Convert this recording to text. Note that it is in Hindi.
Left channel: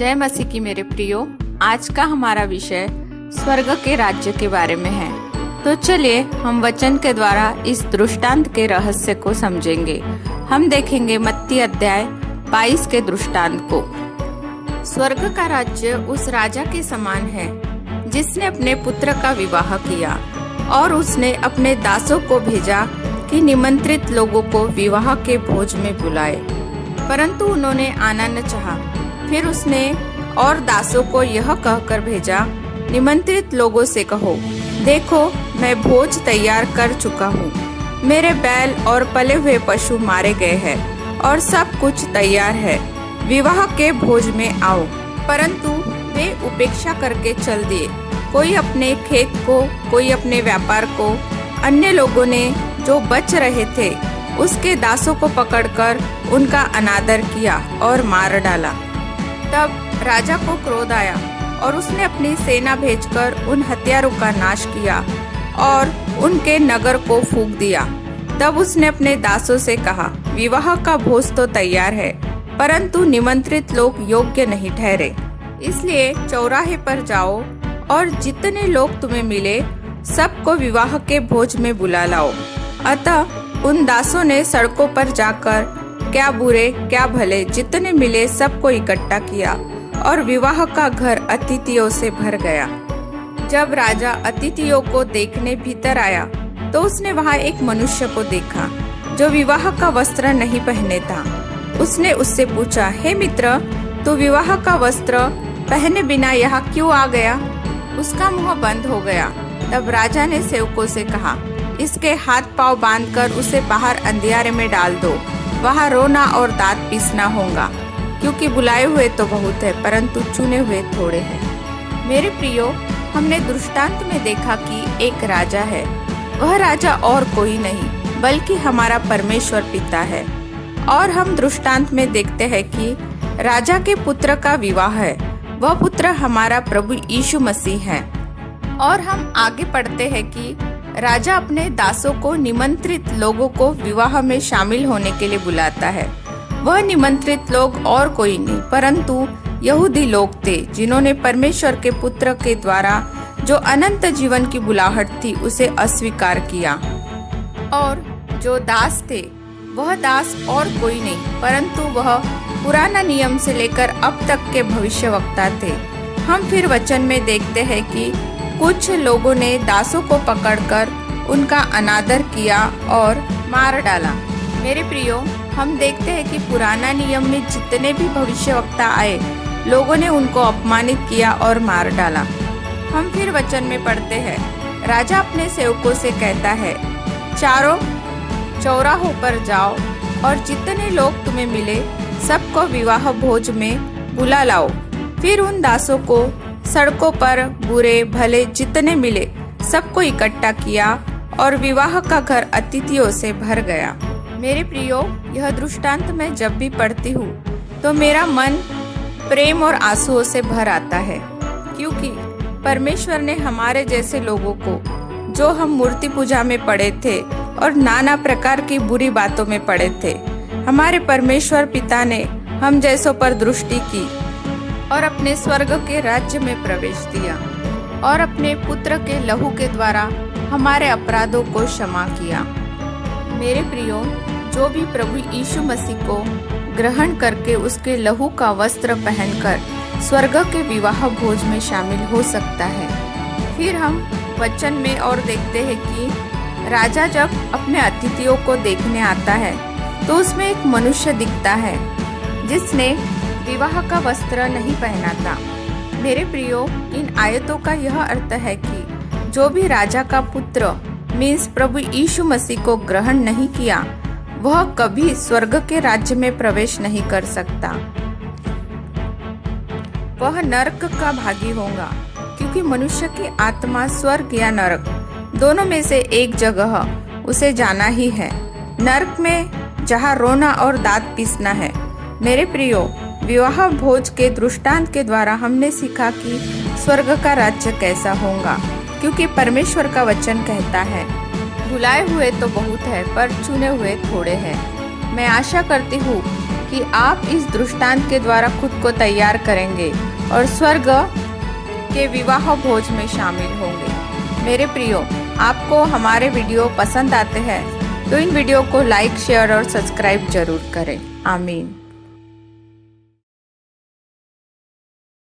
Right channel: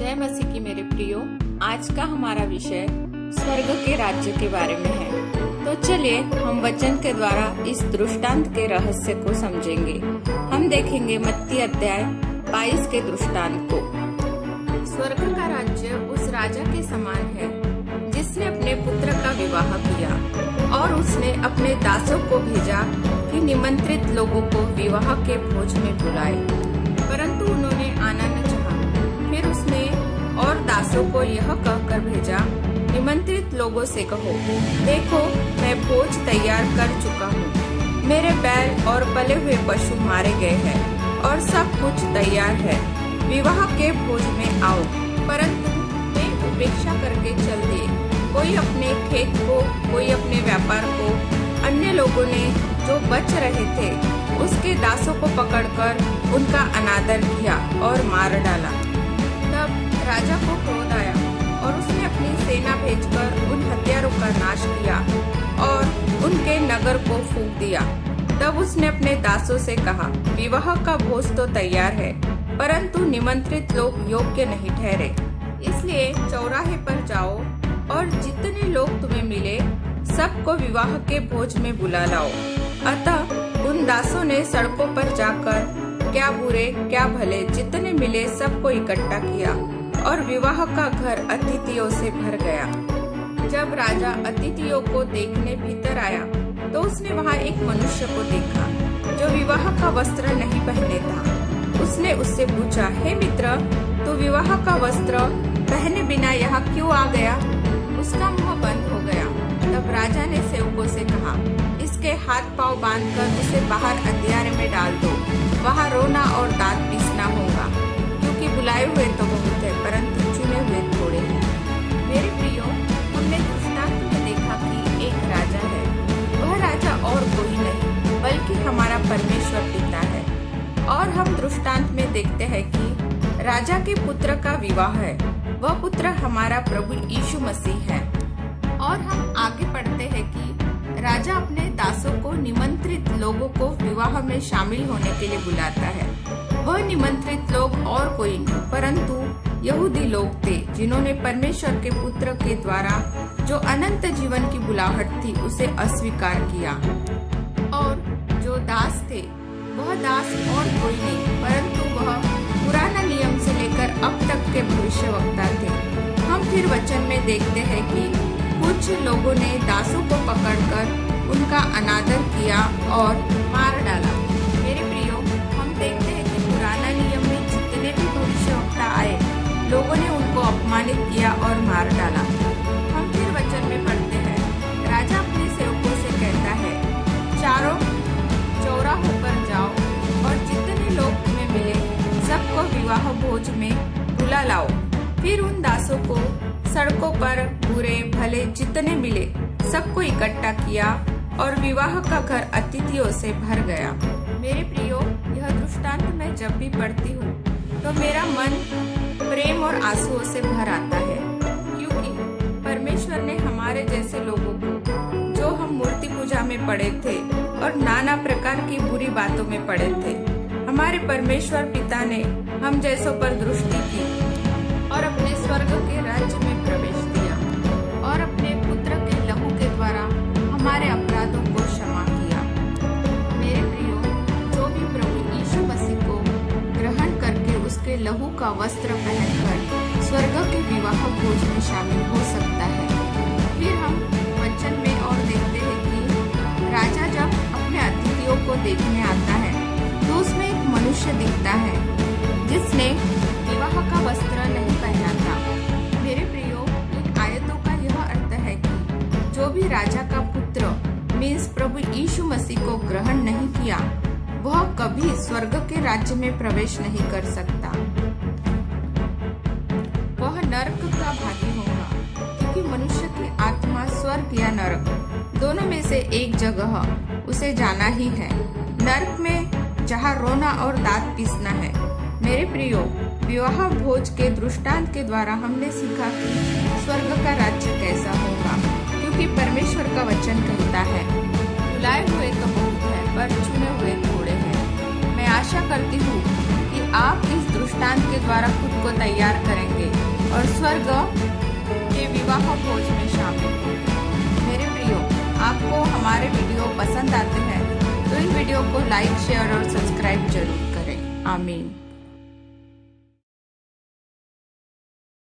जय मसीह की मेरे प्रियो। आज का हमारा विषय स्वर्ग के राज्य के बारे में है। तो चलिए हम वचन के द्वारा इस दृष्टांत के रहस्य को समझेंगे। हम देखेंगे मत्ती अध्याय 22 के दृष्टांत को। स्वर्ग का राज्य उस राजा के समान है जिसने अपने पुत्र का विवाह किया और उसने अपने दासों को भेजा कि निमंत्रित लोगों को विवाह के भोज में बुलाए, परंतु उन्होंने आना न चाहा। फिर उसने और दासों को यह कहकर भेजा, निमंत्रित लोगों से कहो, देखो मैं भोज तैयार कर चुका हूँ। मेरे बैल और पले हुए पशु मारे गए हैं और सब कुछ तैयार है। विवाह के भोज में आओ। परंतु वे उपेक्षा करके चल दिए, कोई अपने खेत को, कोई अपने व्यापार को। अन्य लोगों ने जो बच रहे थे उसके दासों को पकड़कर उनका अनादर किया और मार डाला। तब राजा को क्रोध आया और उसने अपनी सेना भेजकर उन हत्यारों का नाश किया और उनके नगर को फूंक दिया। तब उसने अपने दासों से कहा, विवाह का भोज तो तैयार है, परंतु निमंत्रित लोग योग्य नहीं ठहरे। इसलिए चौराहे पर जाओ और जितने लोग तुम्हें मिले सबको विवाह के भोज में बुला लाओ। अतः उन दासों ने सड़कों पर जाकर क्या बुरे क्या भले जितने मिले सबको इकट्ठा किया और विवाह का घर अतिथियों से भर गया। जब राजा अतिथियों को देखने भीतर आया तो उसने वहां एक मनुष्य को देखा जो विवाह का वस्त्र नहीं पहने था। उसने उससे पूछा, हे मित्र, तू विवाह का वस्त्र पहने बिना यहाँ क्यों आ गया? उसका मुंह बंद हो गया। तब राजा ने सेवकों से कहा, इसके हाथ पांव बांधकर उसे बाहर अंधियारे में डाल दो। वहाँ रोना और दांत पीसना होगा, क्योंकि बुलाए हुए तो बहुत है, परंतु चुने हुए थोड़े हैं। मेरे प्रियो, हमने दृष्टांत में देखा कि एक राजा है। वह राजा और कोई नहीं बल्कि हमारा परमेश्वर पिता है। और हम दृष्टांत में देखते हैं कि राजा के पुत्र का विवाह है। वह पुत्र हमारा प्रभु यीशु मसीह है। और हम आगे पढ़ते हैं कि राजा अपने दासों को, निमंत्रित लोगों को विवाह में शामिल होने के लिए बुलाता है। वह निमंत्रित लोग और कोई नहीं परंतु यहूदी लोग थे, जिन्होंने परमेश्वर के पुत्र के द्वारा जो अनंत जीवन की बुलाहट थी उसे अस्वीकार किया। और जो दास थे वह दास और कोई नहीं परंतु वह पुराना नियम से लेकर अब तक के भविष्यवक्ता थे। हम फिर वचन में देखते हैं कि कुछ लोगों ने दासों को पकड़कर उनका अनादर किया और मार डाला। मेरे प्रियो, हम देखते हैं कि पुराना नियम में जितने भी भविष्यवक्ता आए, लोगों ने उनको अपमानित किया और मार डाला। हम फिर वचन में पढ़ते हैं, राजा अपने सेवकों से कहता है, चारों चौराहों पर जाओ और जितने लोग तुम्हें मिले सबको विवाह भोज में बुला लाओ। फिर उन दासों को सड़कों पर बुरे भले जितने मिले सबको इकट्ठा किया और विवाह का घर अतिथियों से भर गया। मेरे प्रियो, यह दृष्टांत मैं जब भी पढ़ती हूँ तो मेरा मन प्रेम और आंसुओं से भर आता है, क्योंकि परमेश्वर ने हमारे जैसे लोगों को, जो हम मूर्ति पूजा में पड़े थे और नाना प्रकार की बुरी बातों में पड़े थे, हमारे परमेश्वर पिता ने हम जैसों पर दृष्टि की और अपने स्वर्ग के राज्य में प्रवेश दिया और अपने पुत्र के लहू के द्वारा हमारे अपराधों को क्षमा किया। मेरे प्रियो, जो भी प्रभु यीशु मसीह को ग्रहण करके उसके लहू का वस्त्र पहनकर स्वर्ग के विवाह भोज में शामिल हो सकता है। फिर हम वचन में और देखते हैं कि राजा जब अपने अतिथियों को देखने आता है तो उसमें एक मनुष्य दिखता है जिसने विवाह का वस्त्र नहीं पहना था। मेरे प्रियो, इन आयतों का यह अर्थ है कि जो भी राजा का पुत्र मीन्स प्रभु यीशु मसीह को ग्रहण नहीं किया, वह कभी स्वर्ग के राज्य में प्रवेश नहीं कर सकता। वह नरक का भागी होगा, क्योंकि मनुष्य की आत्मा स्वर्ग या नरक दोनों में से एक जगह उसे जाना ही है। नरक में जहाँ रोना और दांत पीसना है। मेरे प्रियो, विवाह भोज के दृष्टांत के द्वारा हमने सीखा कि स्वर्ग का राज्य कैसा होगा, क्योंकि परमेश्वर का वचन कहता है, बुलाए हुए तो बहुत है पर चुने हुए थोड़े हैं। मैं आशा करती हूँ कि आप इस दृष्टांत के द्वारा खुद को तैयार करेंगे और स्वर्ग के विवाह भोज में शामिल होंगे। मेरे प्रियो, आपको हमारे वीडियो पसंद आते हैं तो इन वीडियो को लाइक, शेयर और सब्सक्राइब जरूर करें। आमीन।